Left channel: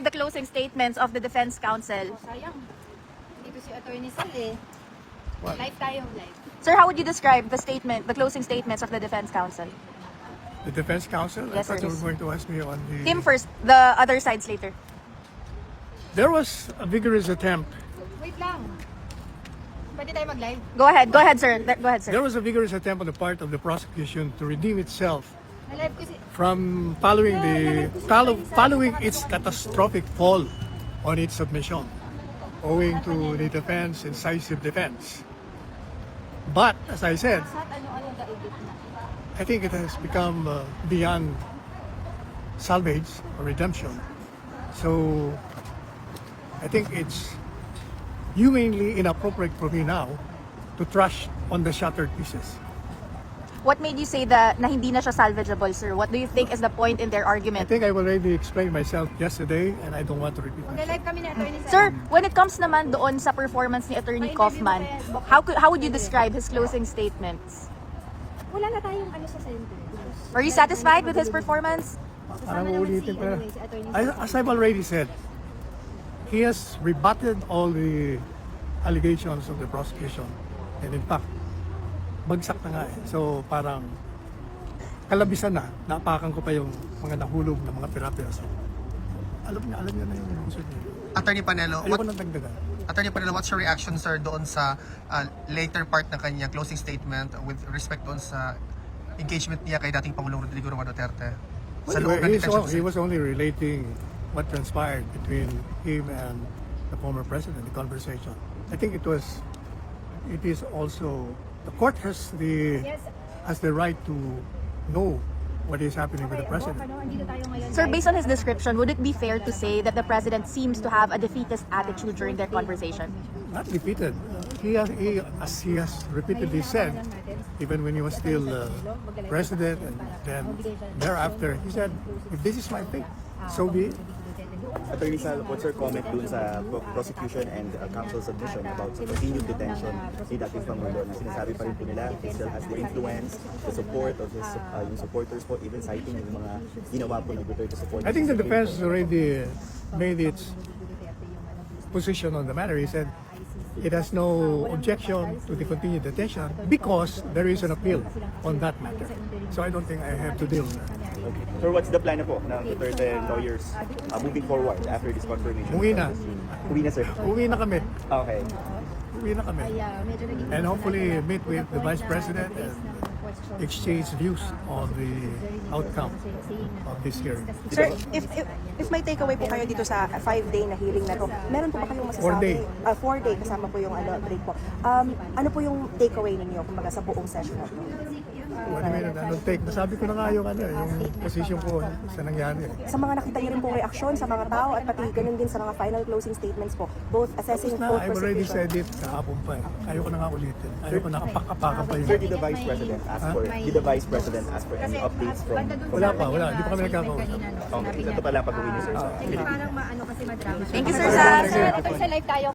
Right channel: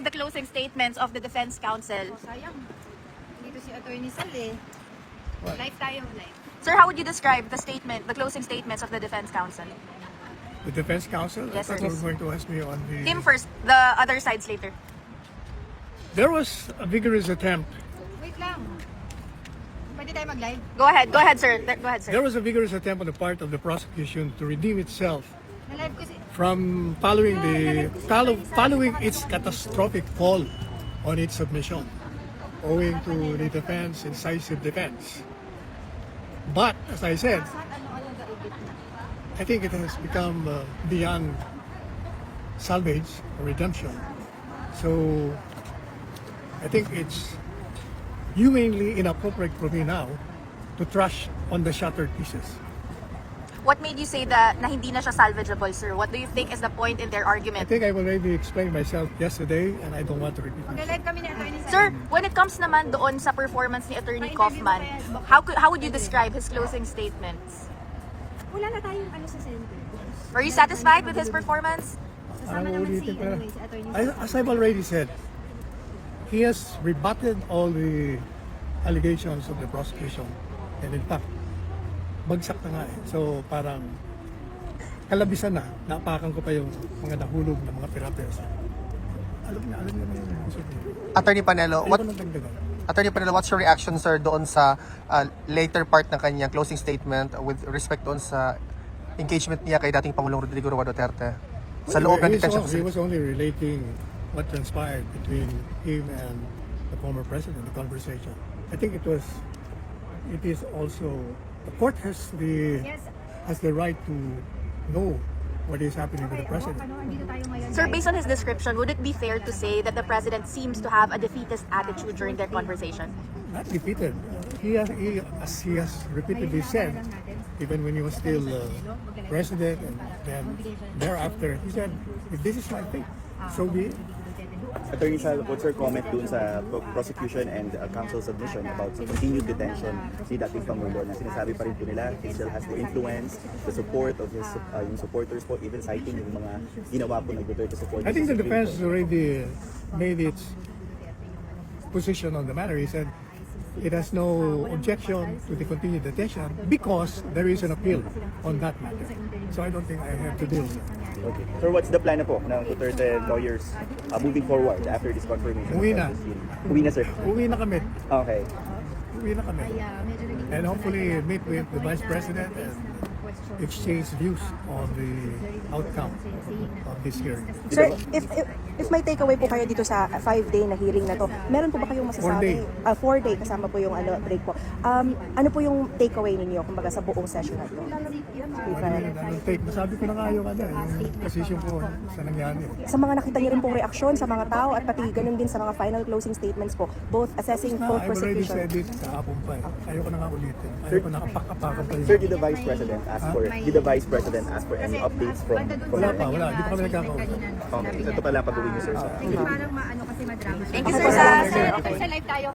describe the closing statements of the defense counsel? Sayang. Dito si Attorney Sal eh. What? Live tayo, live. Sir, how would you describe the closing statements of the defense counsel? The defense counsel? Yes, I thought sir. you were going to ask me on the... Him first, the other sides later. There was a vigorous attempt. Wait lang. Pwede tayo mag-live? Go ahead, sir. Go ahead, sir. There was a vigorous attempt on the part of the prosecution to redeem itself Na-live kasi. from following its catastrophic fall on its submission, owing to the defense, incisive defense. But as I said, I think it has become beyond salvage or redemption. So I think it's humanly inappropriate for me now to trash on the shattered pieces. What made you say that na hindi na siya salvageable, sir? What do you think is the point in their I argument? think I've already explained myself yesterday and I don't want to repeat myself. Na-live kami ni Attorney Sal. Sir, when it comes naman doon sa performance ni Attorney Kaufman, how would you describe his closing statements? Wala na tayong ano sa center. Are you satisfied with his performance? Parang uulitin ko na. As I've already said, he has rebutted all the allegations of the prosecution. And in fact, bagsak na nga eh. So parang kalabisan na, napakan ko pa yung mga nahulog na mga tira-tira. Alam niya na yung gusto niya. Attorney Panelo, Ayaw ko nang dagdagan. Attorney Panelo, what's your reaction, sir, doon sa later part ng kanyang closing statement with respect doon sa engagement niya kay dating Pangulong Rodrigo Roa Duterte sa loob ng detention He facility? was only relating what transpired between him and the former president, the conversation. I think it is also, the court has the right to know what is happening with the president. Sir, based on his description, would it be fair to say that the president seems to have a defeatist attitude during their conversation? Not defeated. As he has repeatedly said, even when he was still president, and then thereafter, he said, if this is my fate, so be it. Attorney Sal, what's your comment dun sa prosecution and counsel submission about continued detention ni dating Pangulo na sinasabi pa rin po nila he still has the influence, the support of his yung supporters po, even citing yung mga ginawa po ng Duterte supporters. I think the defense has already made its position on the matter. He said it has no objection to the continued detention because there is an appeal on that matter. So I don't think I have to deal with that. Okay. So what's the plan na po ng Duterte lawyers moving forward after this confirmation? Uwi na. Uwi na, sir. Uwi na kami. Okay. Uwi na kami. And hopefully meet with the Vice President and exchange views on the outcome of this hearing. Sir, if may takeaway po kayo dito sa 5-day na hearing na to, meron po ba kayong masasabi? 4-day kasama po yung break po. Ano po yung takeaway ninyo kumbaga sa buong session? What do you mean? Anong take? Nasabi ko na nga yung position ko sa nangyari. Sa mga nakita niyo rin pong reaksyon sa mga tao at pati ganun din sa mga final closing statements po, both assessing Na, both I've already prosecution. said it kahapon pa eh. Ayaw ko na nga ulitin. Ayaw ko nakapakapakan pa Sir, yun. did the Vice President ask for any updates from Wala pa, wala. Hindi pa kami nagkakausap. Okay. So ito pala pag-uwi niyo, sir, sa Philippines. Parang maano kasi madrama. Thank you, sir. Sa live tayo.